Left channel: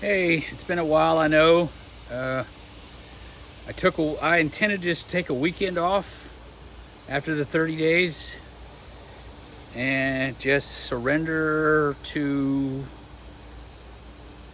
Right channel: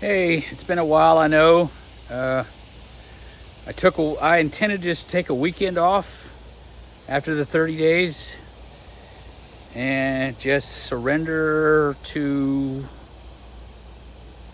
Hey, it's been a while, I know. Uh, I intended to just take a weekend off after the 30 days and just surrender to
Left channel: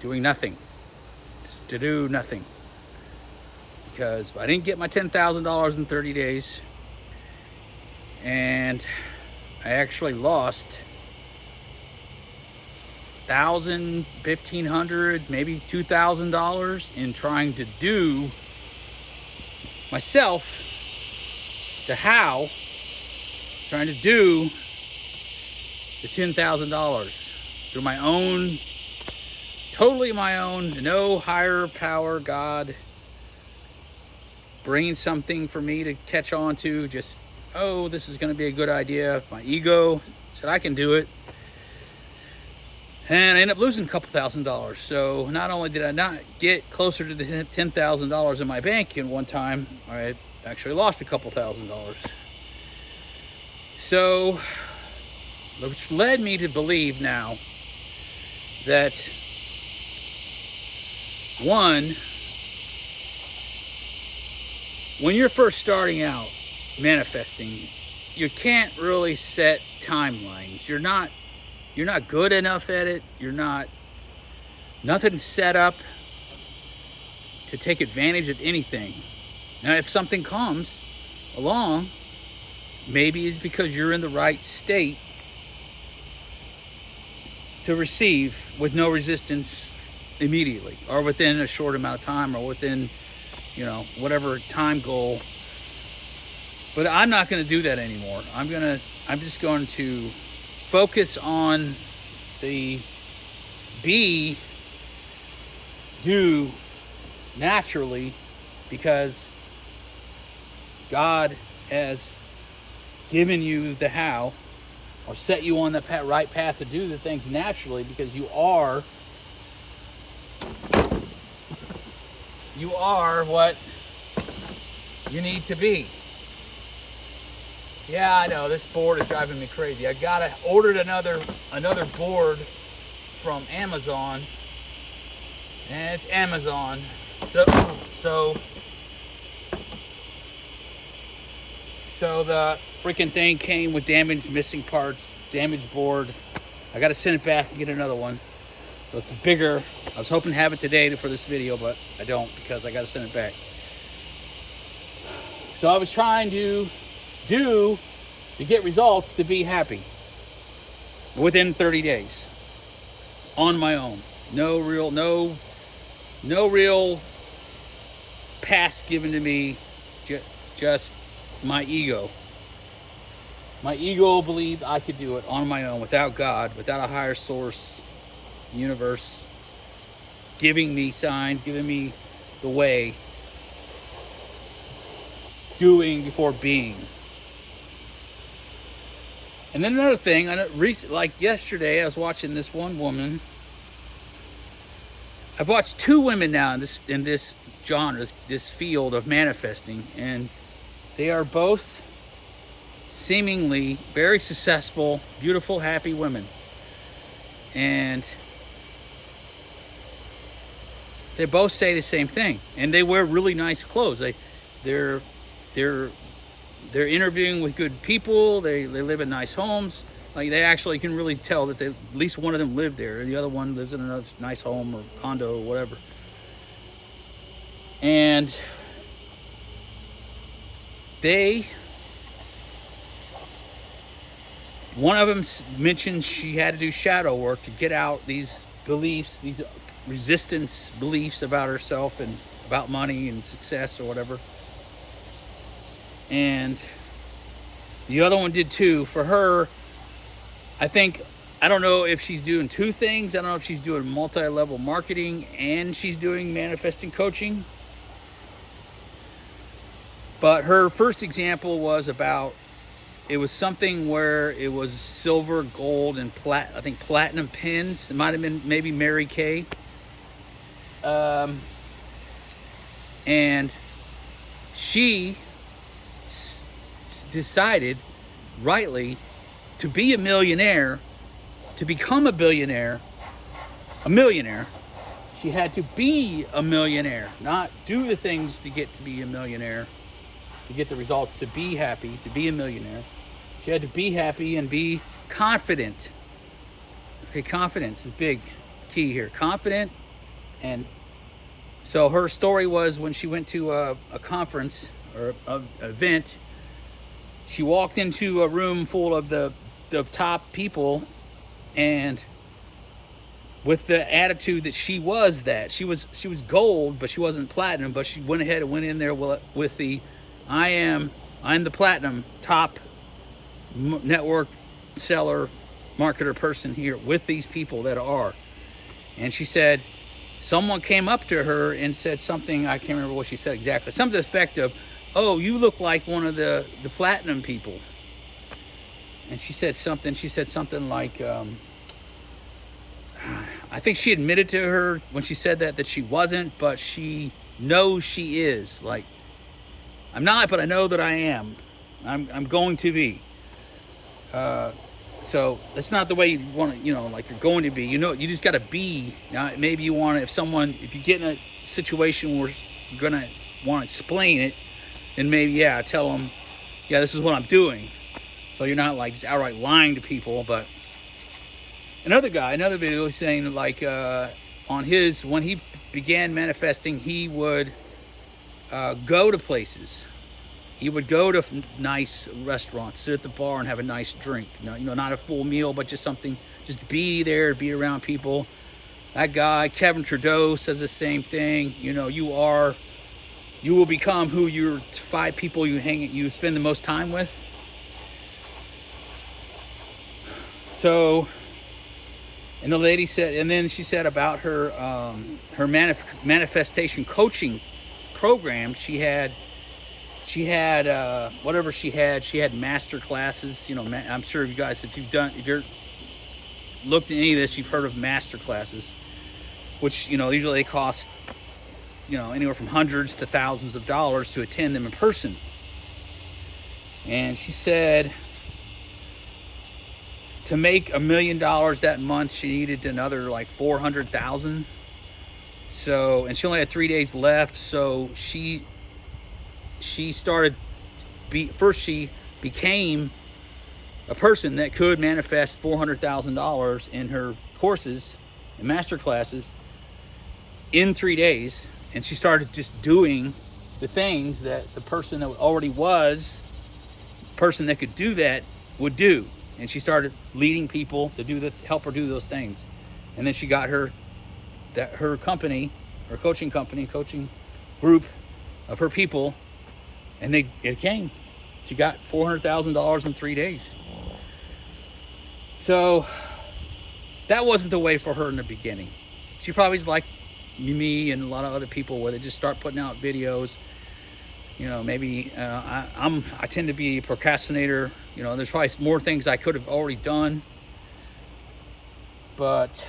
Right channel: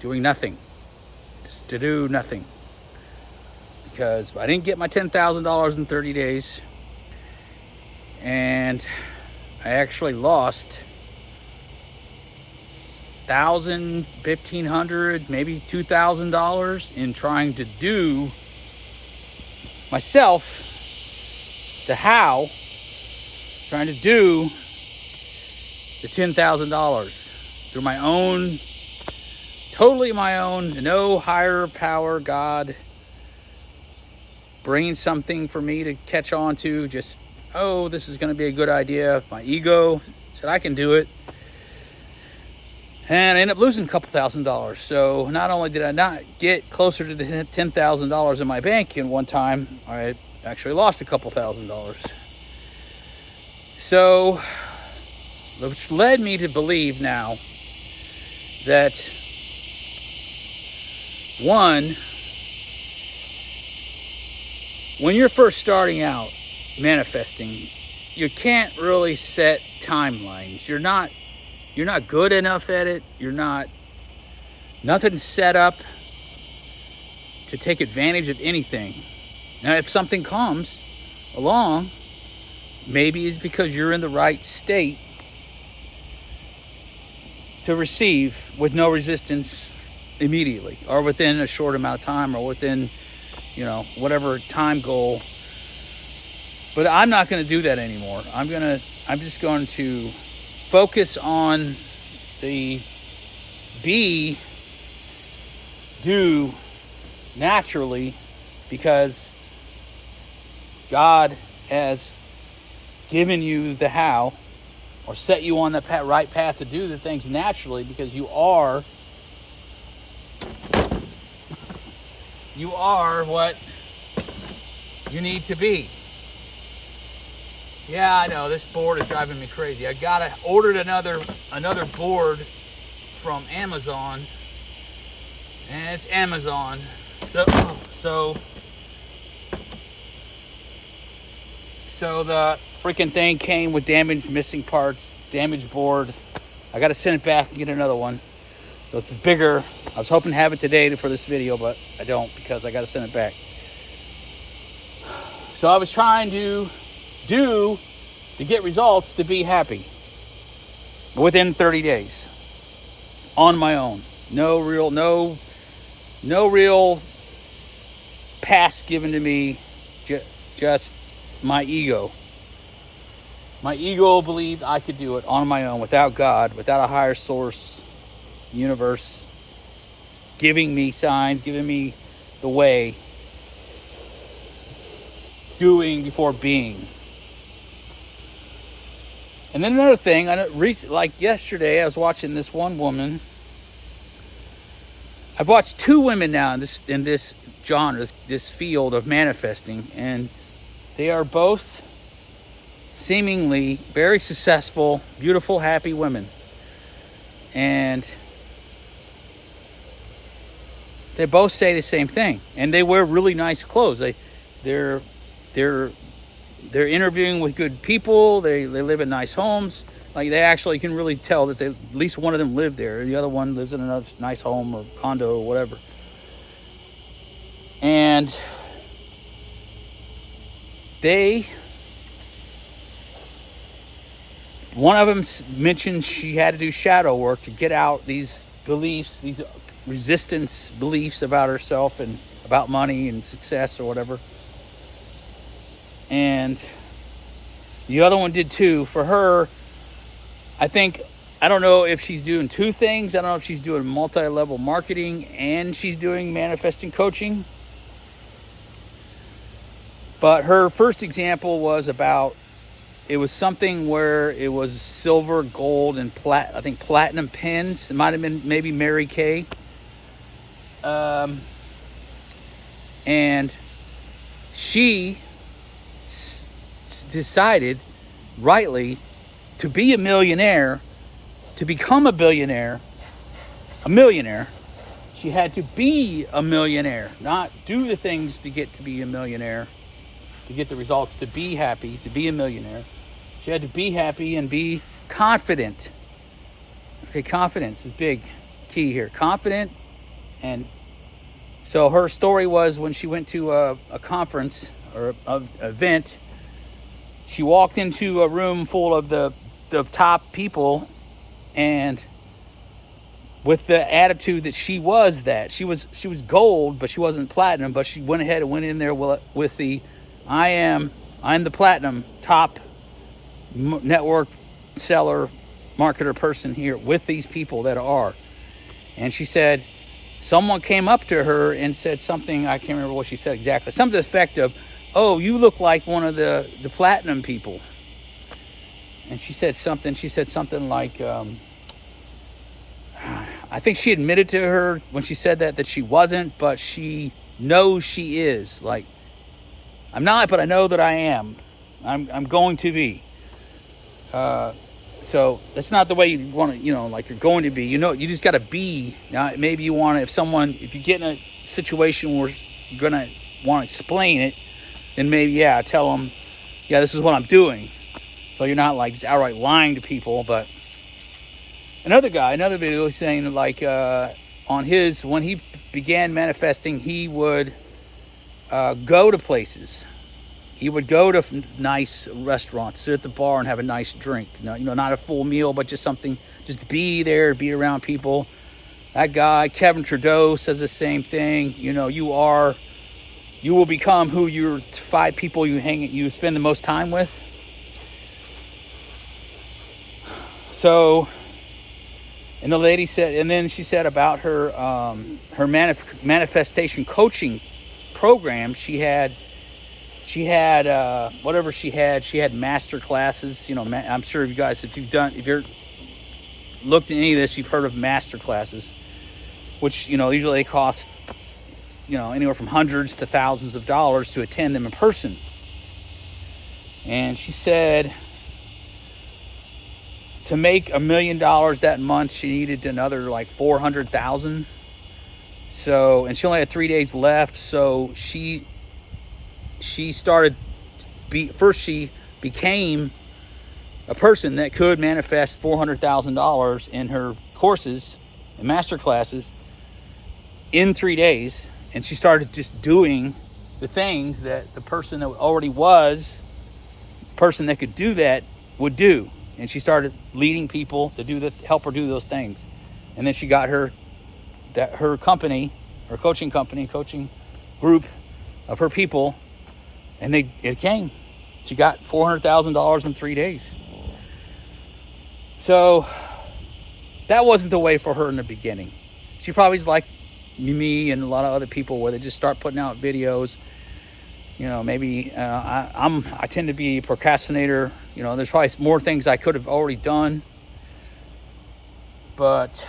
doing nothing, just to do nothing. Because I didn't get my $10,000 in 30 days, and I actually lost $1,000, $1,500, maybe $2,000 in trying to do myself the how, trying to do the $10,000 through my own, totally my own, no higher power, God, bringing something for me to catch on to, just, oh, this is going to be a good idea. My ego said I can do it. And I ended up losing a couple $1,000s. So not only did I not get closer to the $10,000 in my bank in one time, I actually lost a couple $1,000s. So, which led me to believe now that, one, when you're first starting out manifesting, you can't really set timelines. You're not good enough at it. Nothing's set up to take advantage of anything. Now, if something comes along, maybe it's because you're in the right state to receive with no resistance immediately, or within a short amount of time, or within, whatever time goal. But I'm not going to do that anymore. I'm just going to focus on the do naturally, because God has given you the how, or set you on the right path to do the things naturally, because you are what you need to be. Yeah, I know, this board is driving me crazy. I ordered another board from Amazon, and it's Amazon. So the freaking thing came with damaged, missing parts, damaged board. I got to send it back and get another one. So it's bigger. I was hoping to have it today for this video, but I don't, because I got to send it back. So I was trying to get results to be happy within 30 days on my own. No real pass given to me, just my ego. My ego believed I could do it on my own, without God, without a higher source, universe, giving me signs, giving me the way, doing before being. And then another thing, like yesterday, I was watching this one woman. I've watched two women now in this genre, this field of manifesting, and they are both seemingly very successful, beautiful, happy women. And they both say the same thing, and they wear really nice clothes. They're interviewing with good people. They live in nice homes. Like, they actually can really tell that at least one of them lived there. The other one lives in another nice home or condo or whatever. And one of them mentioned she had to do shadow work to get out these beliefs, these resistance beliefs about herself and about money and success or whatever. And the other one did too. For her, I don't know if she's doing two things. I don't know if she's doing multi-level marketing and she's doing manifesting coaching. But her first example was it was something where it was silver, gold, and platinum pins. It might have been maybe Mary Kay. And she decided rightly to be a millionaire, to become a millionaire, She had to be a millionaire, not do the things to get to be a millionaire, to get the results, to be happy, to be a millionaire. She had to be happy and be confident. Okay, confidence is big key here. Confident. And so her story was when she went to a conference or an event, she walked into a room full of the top people, and with the attitude that she was gold, but she wasn't platinum, but she went ahead and went in there with the I'm the platinum top network seller, marketer person here with these people that are. And she said, someone came up to her and said something, I can't remember what she said exactly, something to the effect of, oh, you look like one of the platinum people. And she said something like, I think she admitted to her when she said that she wasn't, but she knows she is. Like, I'm not, but I know that I am. I'm going to be. So that's not the way you want to, like you're going to be. You just got to be. Now, maybe you want to, if you get in a situation where you're going to want to explain it, then maybe, tell them, this is what I'm doing. So you're not like outright lying to people. But another video saying like when he began manifesting, he would go to places. He would go to nice restaurants, sit at the bar and have a nice drink. Not a full meal, but just something, just be there, be around people. That guy, Kevin Trudeau, says the same thing. You will become who your 5 people you spend the most time with. So, and the lady said, and then she said about her manifestation coaching program, she had whatever she had master classes. I'm sure you guys, if you're looked at any of this, you've heard of master classes, which usually they cost anywhere from hundreds to thousands of dollars to attend them in person. And she said to make $1 million that month, she needed another like 400,000. So, and she only had 3 days left. So she started, first she became a person that could manifest $400,000 in her courses and master classes in 3 days. And she started just doing the things that the person that already was, person that could do that would do. And she started leading people to help her do those things. And then she got her company, her coaching group of her people, and it came. She got $400,000 in 3 days. So that wasn't the way for her in the beginning. She probably's like me and a lot of other people where they just start putting out videos. Maybe I tend to be a procrastinator. There's probably more things I could have already done, but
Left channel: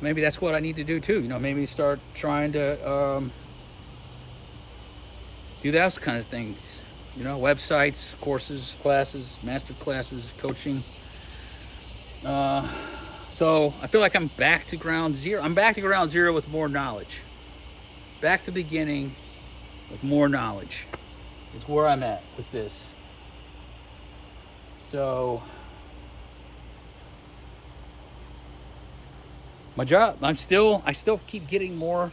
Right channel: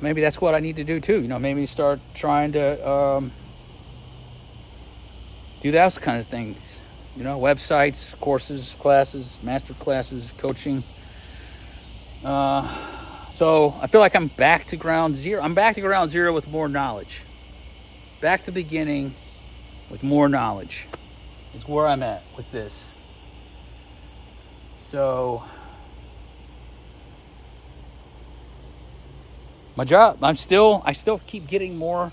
maybe that's what I need to do too. Maybe start trying to do those kind of things. Websites, courses, classes, master classes, coaching. So I feel like I'm back to ground zero. I'm back to ground zero with more knowledge. Back to the beginning with more knowledge. It's where I'm at with this. So my job, I still keep getting more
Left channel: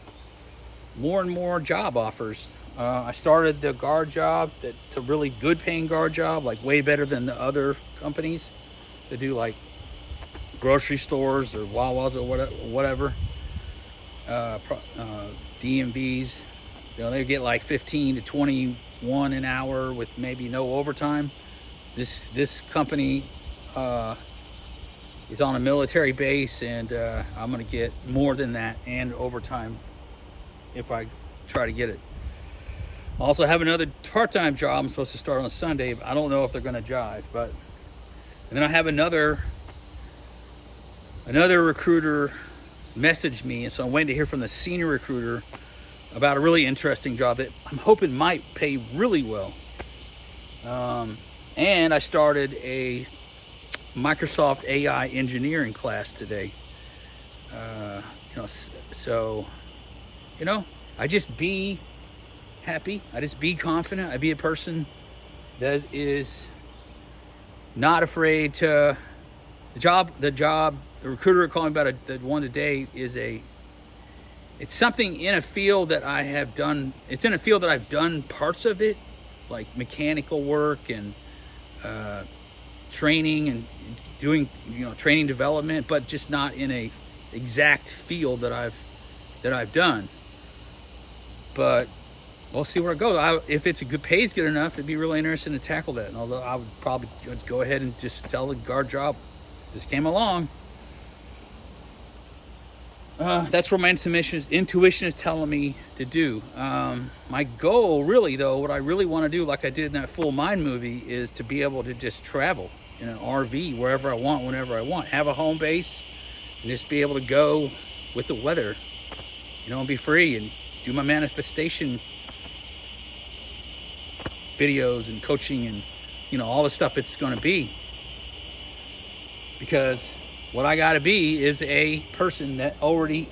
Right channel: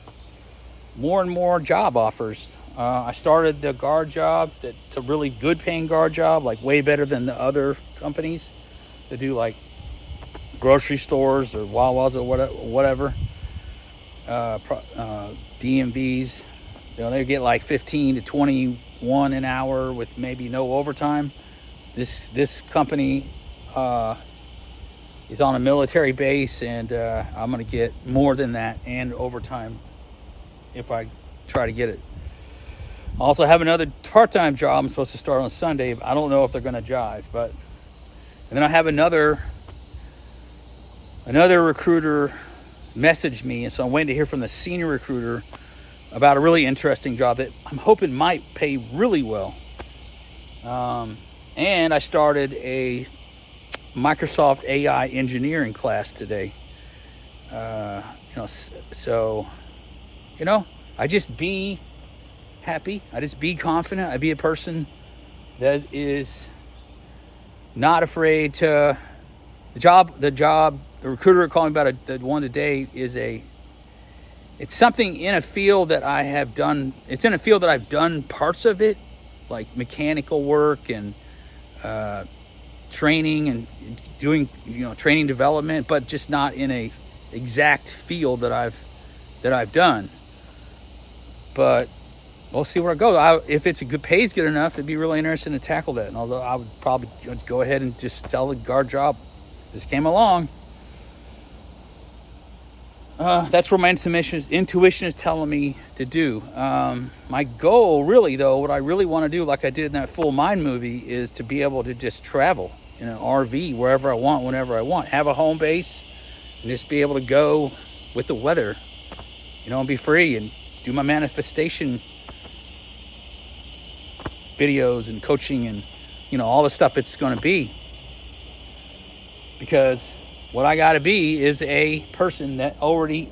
and more job offers. I started the guard job, that's a really good paying guard job, like way better than the other companies that do like grocery stores or Wawa's or whatever. DMVs, they get like 15 to 21 an hour with maybe no overtime. This company is on a military base, and I'm going to get more than that and overtime if I try to get it. I also have another part-time job I'm supposed to start on Sunday. I don't know if they're going to jive, but and then I have another recruiter messaged me, and so I'm waiting to hear from the senior recruiter about a really interesting job that I'm hoping might pay really well. And I started Microsoft AI engineering class today. So, I just be happy. I just be confident. I be a person that is not afraid to the recruiter calling about the one today it's something in a field that I have done. It's in a field that I've done parts of it, like mechanical work and training and doing, training development, but just not in a exact field that I've done. But we'll see where it goes. If it's pays good enough, it'd be really interesting to tackle that. And although I would probably go ahead and just tell the guard job just came along. That's what my intuition is telling me to do. My goal, really, though, what I really want to do, like I did in that Full Mind movie, is to be able to just travel in an RV wherever I want, whenever I want. Have a home base and just be able to go with the weather, and be free and do my manifestation videos and coaching and, all the stuff it's going to be. Because what I got to be is a person that already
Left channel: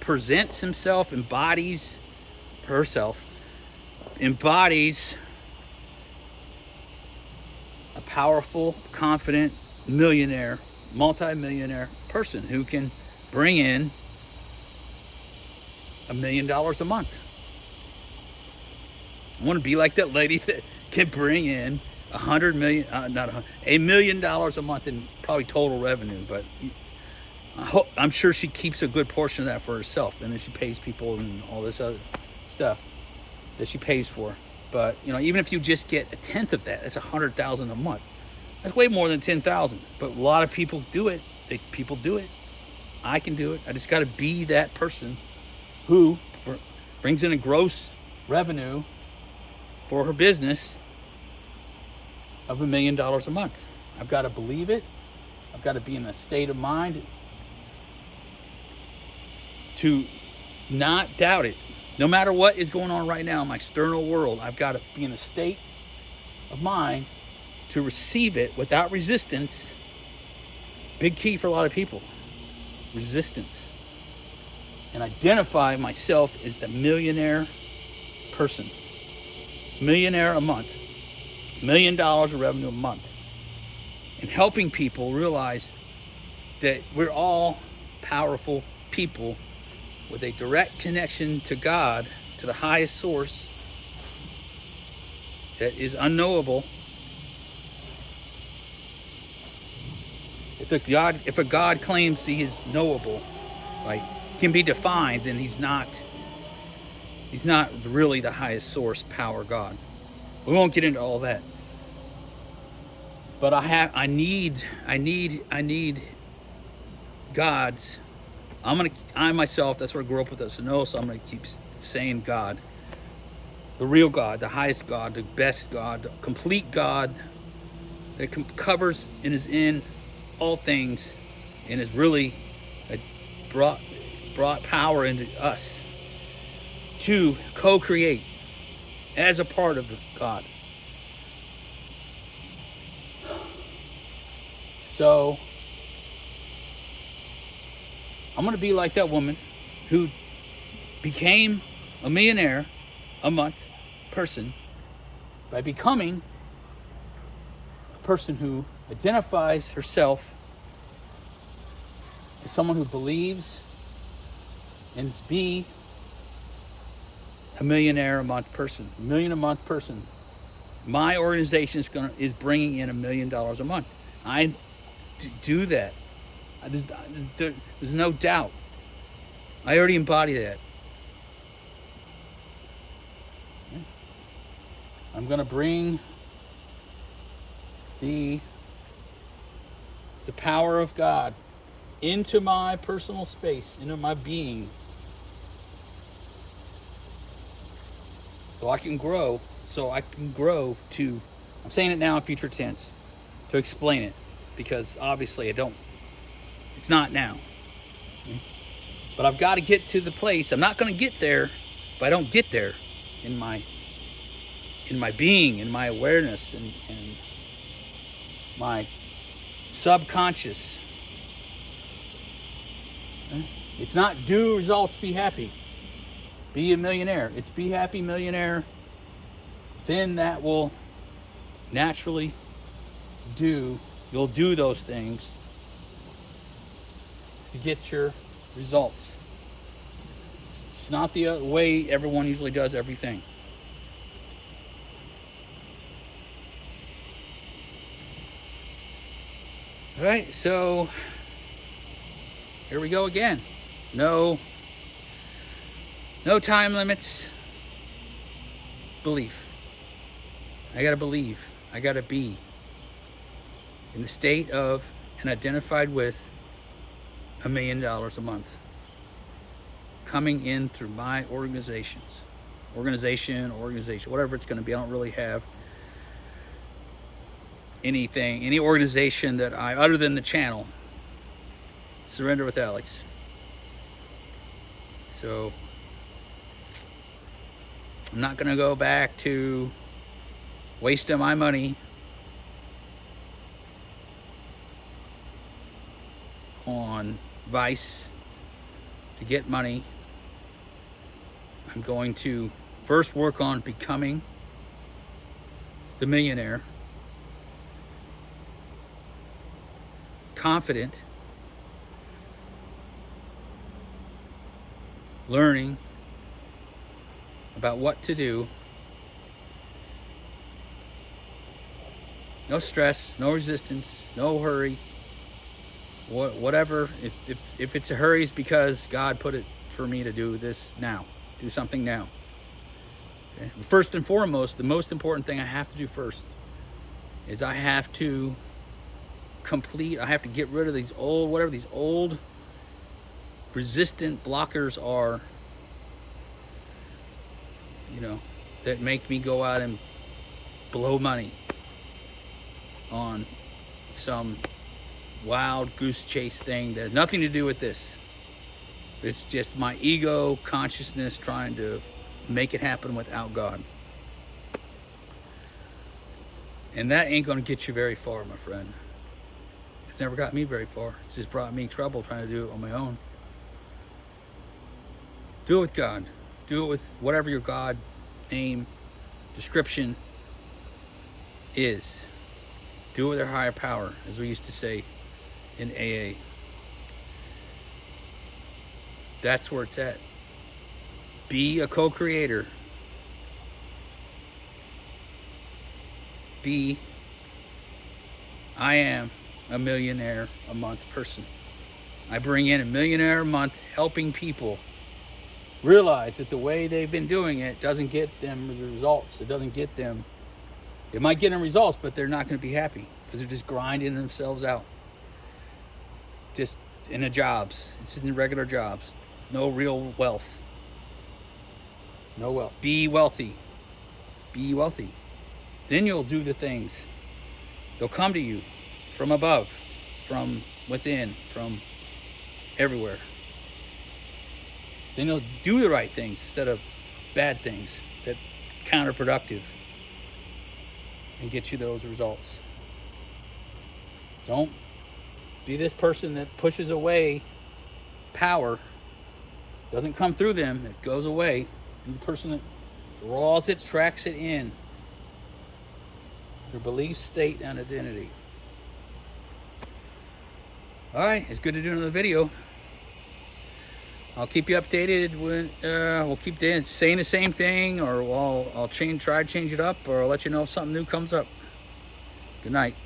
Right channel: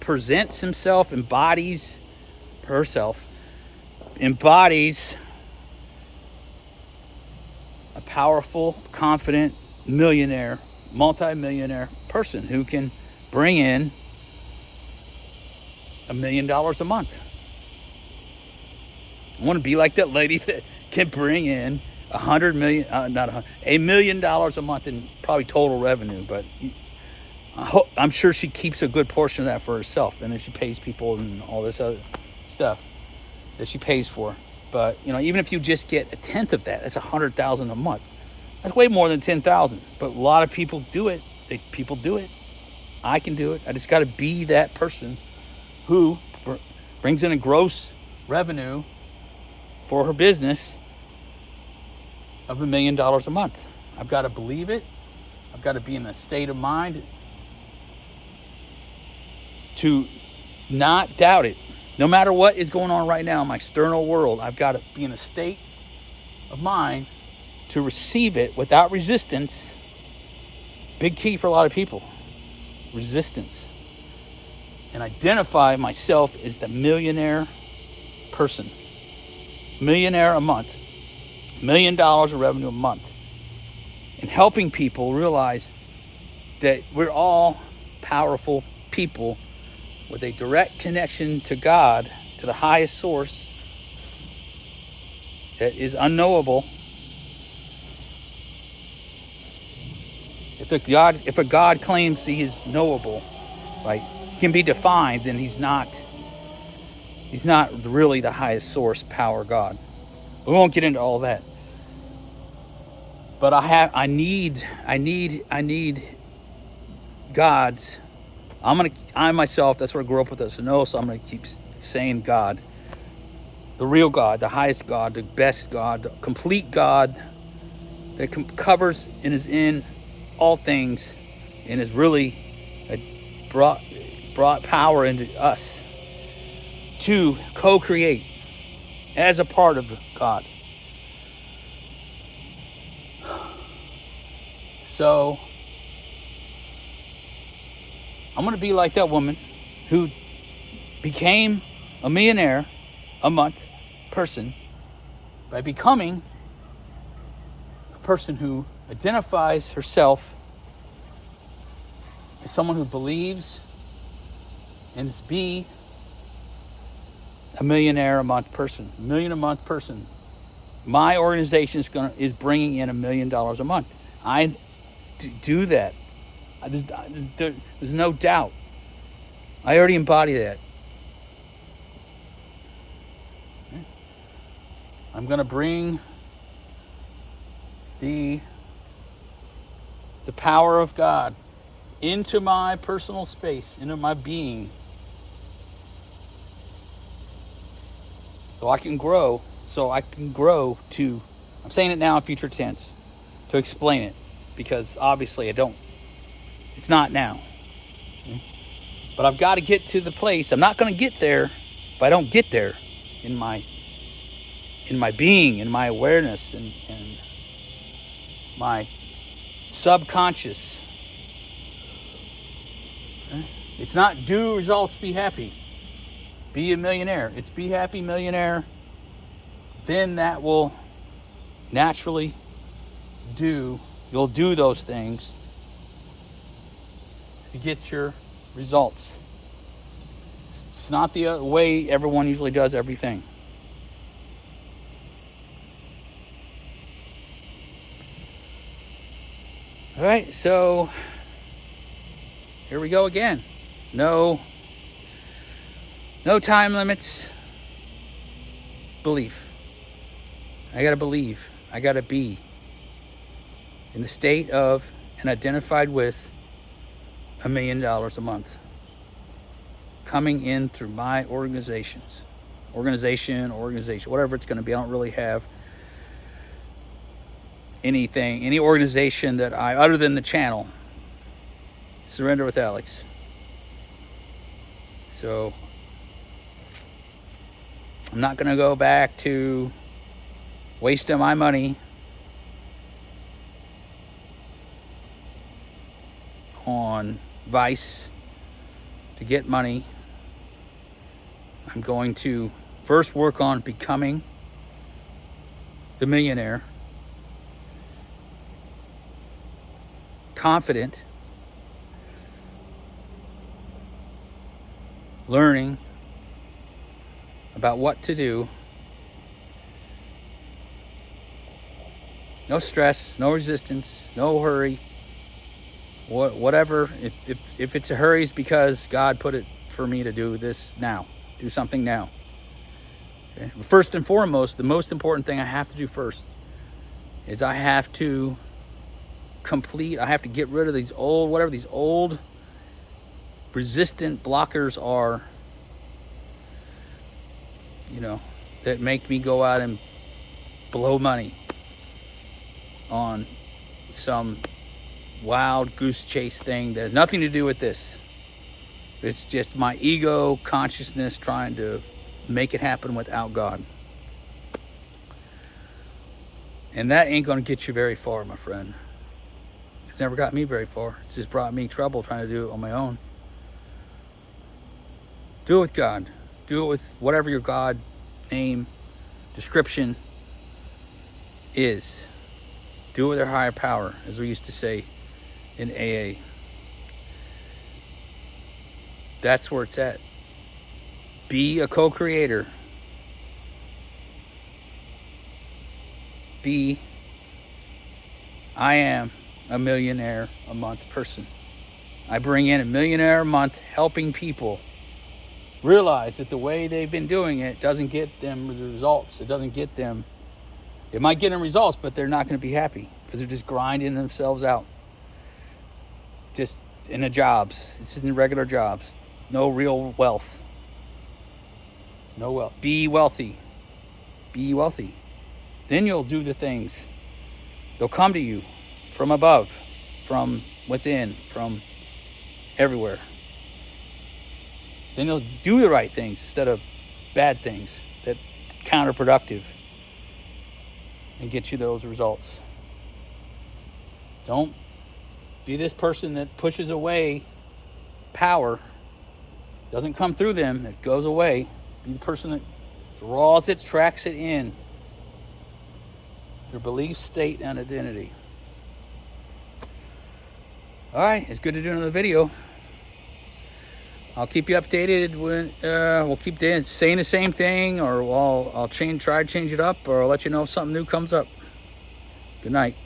presents himself, embodies a powerful, confident, millionaire, multi-millionaire person who can bring in $1 million a month. I want to be like that lady that can bring in $1 million a month in probably total revenue, but I'm sure she keeps a good portion of that for herself, and then she pays people and all this other stuff that she pays for. But even if you just get 1/10 of that, that's $100,000 a month. That's way more than 10,000. But a lot of people do it. People do it. I can do it. I just got to be that person who brings in a gross revenue for her business of $1 million a month. I've got to believe it. I've got to be in a state of mind to not doubt it. No matter what is going on right now in my external world, I've got to be in a state of mind to receive it without resistance. Big key for a lot of people. Resistance. And identify myself as the millionaire person. Millionaire a month. $1 million of revenue a month. And helping people realize that we're all powerful people with a direct connection to God, to the highest source that is unknowable. If a God claims he is knowable, like can be defined, then he's not really the highest source power God. We won't get into all that. But I need God's. I myself, that's where I grew up with us. So I'm gonna keep saying God, the real God, the highest God, the best God, the complete God that covers and is in all things, and is really brought power into us to co-create as a part of God. So I'm going to be like that woman who became a millionaire a month person by becoming a person who identifies herself as someone who believes and is be a millionaire a month person, $1 million a month person. My organization is bringing in $1 million a month. I do that. There's no doubt. I already embody that. I'm going to bring the power of God into my personal space, into my being, so I can grow to, I'm saying it now in future tense, to explain it, because obviously it's not now. Okay? But I've got to get to the place. I'm not going to get there if I don't get there in my being, in my awareness, and my subconscious. It's not do results, be happy. Be a millionaire. It's be happy millionaire. Then that will naturally you'll do those things to get your results. It's not the way everyone usually does everything. All right, so here we go again. No time limits. Belief. I gotta believe. I gotta be in the state of and identified with $1 million a month coming in through my organization, whatever it's going to be. I don't really have any organization that other than the channel, Surrender with Alex. So I'm not going to go back to wasting my money on Vice to get money. I'm going to first work on becoming the millionaire, confident, learning about what to do, no stress, no resistance, no hurry. Whatever, if it's a hurry, it's because God put it for me to do this now. Do something now. Okay? First and foremost, the most important thing I have to do first is I have to get rid of these old resistant blockers are, that make me go out and blow money on some wild goose chase thing that has nothing to do with this. It's just my ego consciousness trying to make it happen without God. And that ain't going to get you very far, my friend. It's never got me very far. It's just brought me trouble trying to do it on my own. Do it with God. Do it with whatever your God name, description is. Do it with your higher power, as we used to say in AA. That's where it's at. Be a co-creator. I am a millionaire a month person. I bring in $1 million a month helping people realize that the way they've been doing it doesn't get them the results. It might get them results, but they're not going to be happy because they're just grinding themselves out. Just in the jobs. It's in the regular jobs. No real wealth. No wealth. Be wealthy. Be wealthy. Then you'll do the things. They'll come to you from above, from within, from everywhere. Then you'll do the right things instead of bad things that counterproductive and get you those results. Don't be this person that pushes away power. Doesn't come through them, it goes away. Be the person that draws it, tracks it in. Their belief, state, and identity. Alright, it's good to do another video. I'll keep you updated when we'll keep saying the same thing, or I'll try to change it up, or I'll let you know if something new comes up. Good night.